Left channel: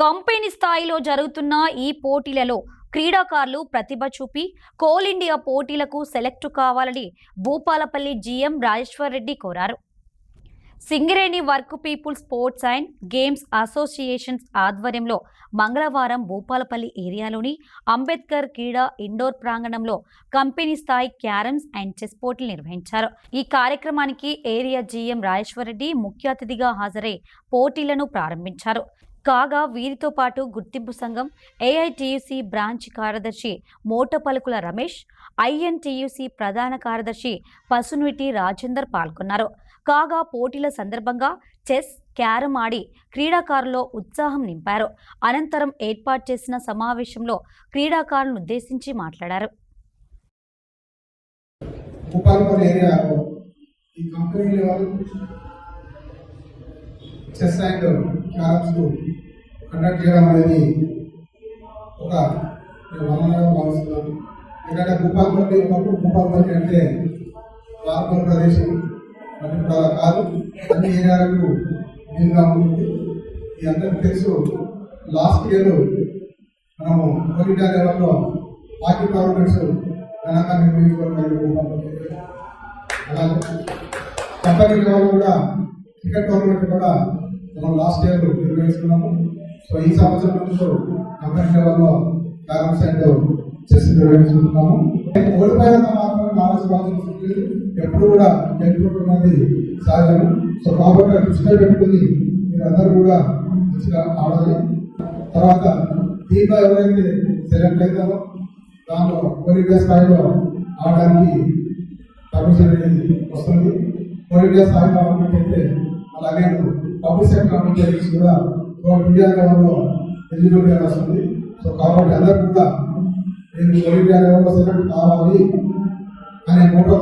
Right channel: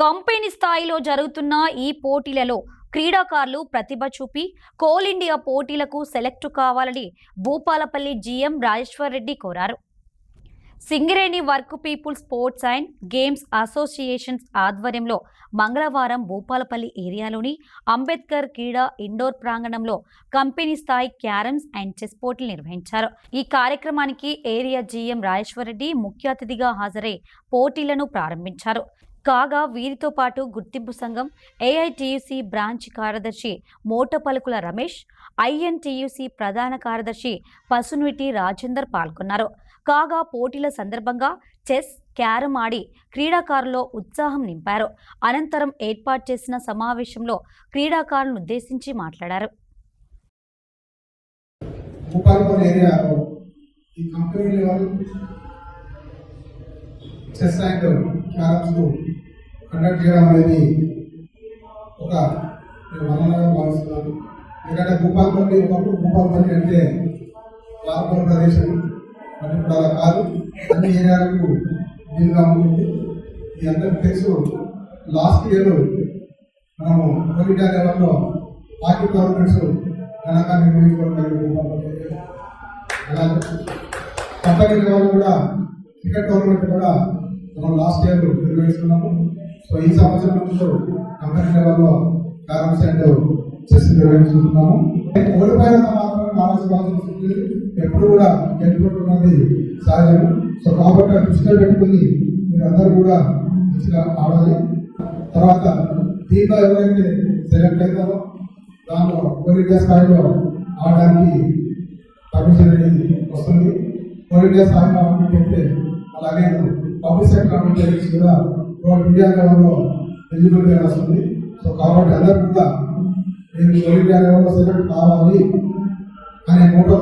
Company స్థాయిలో జరుగుతున్న ఈ పోటీలలో క్రీడాకారులు ప్రతిభ చూపి కోల్ ఇండియా పోటీలకు సెలెక్ట్ కావాలని భూపాలపల్లి జీఎం రాజేశ్వర్ రెడ్డి కోరారు. Singareni work people sports and games associations ఆధ్వర్యంలో మంగళవారం భూపాలపల్లి ఏరియాలోని అంబేద్కర్ క్రీడా ఇండోర్ ప్రాంగణంలో కంపెనీ స్థాయి క్యారమ్స్ అండ్ చెస్ పోటీలు నిర్వహించారు. ఈ కార్యక్రమానికి ఏరియా జీఎం రాజేశ్వర్ రెడ్డి ముఖ్య అతిథిగా హాజరై పోటీలను ప్రారంభించారు. కాగా వీరితో పాటు గుర్తింపు సంఘం ఏఐటియుసి బ్రాంచ్ కార్యదర్శి మోటపలుకుల రమేష్, ఐఎన్టియుసి ప్రధాన కార్యదర్శి పసునుటి రాజేందర్ పాల్గొన్నారు. కాగా పోటీల సందర్భంగా చెస్, క్యారమ్ ఆడి క్రీడాకారుల్లో ఉత్సాహం నింపారు. అనంతరం ఏర్పాటు చేసిన సమావేశంలో క్రీడాకారులను ఉద్దేశించి మాట్లాడారు. చెస్ అండ్ క్యారమ్స్ కండక్ట్ చేయడం అనేది ఒక వనరుగా భావిస్తున్నాను. ఎందుకంటే భూపాలపల్లి ఒకప్పుడు భూపాలపల్లి అంటే వార్పల ప్రదేశం, అది ఇప్పుడు అలా కాదు, అన్ని ఏరియాలకు వీలుగా ఉంటుంది. ఈ అందరికీ తెలుసు. లాస్ట్ ఇయర్ మనము కోల్ ఇండియా లెవెల్లో హాకీ టోర్నమెంట్స్ ఘనంగా నిర్వహించుకోవడం జరిగింది భూపాలపల్లి. అలాగే కంపెనీ లెవెల్లో కూడా క్రికెట్ టోర్నమెంట్ కూడా మనం లాస్ట్ ఇయర్ నిర్వహిస్తున్నాము. సో ఈ సంవత్సరం నుంచి కంపెనీ లెవెల్లో క్యారమ్స్ అండ్ చెస్ నిర్వహిస్తున్నాము. ఓడిపోయినంత మాత్రమే కావాల్సిన ఎప్పుడు కూడా గెలుపుతున్నది సహజం. సో కాబట్టి దృష్టిలో పెట్టుకుని మీరందరూ కూడా మంచిగా ఆడాలి. తర్వాత టీంలో ఎవరైతే సెలెక్ట్ అవుతారో దానిలో కోల్ ఇండియా స్థాయిలో ఆడడానికి పర్మిషన్ అనేది వస్తుంది. కోల్ ఇండియా స్థాయిలో ఆడినట్టయితే అలాగే పబ్లిక్ సెక్టర్ ఆపర్చునిటీస్ కూడా ఇండియా లెవెల్లో ఎలిజిబిలిటీ వస్తుంది. సో కాబట్టి అందరూ కూడా నేను కోల్ ఇండియా లెవెల్లో సెలెక్ట్ కావాలి అనే మోటో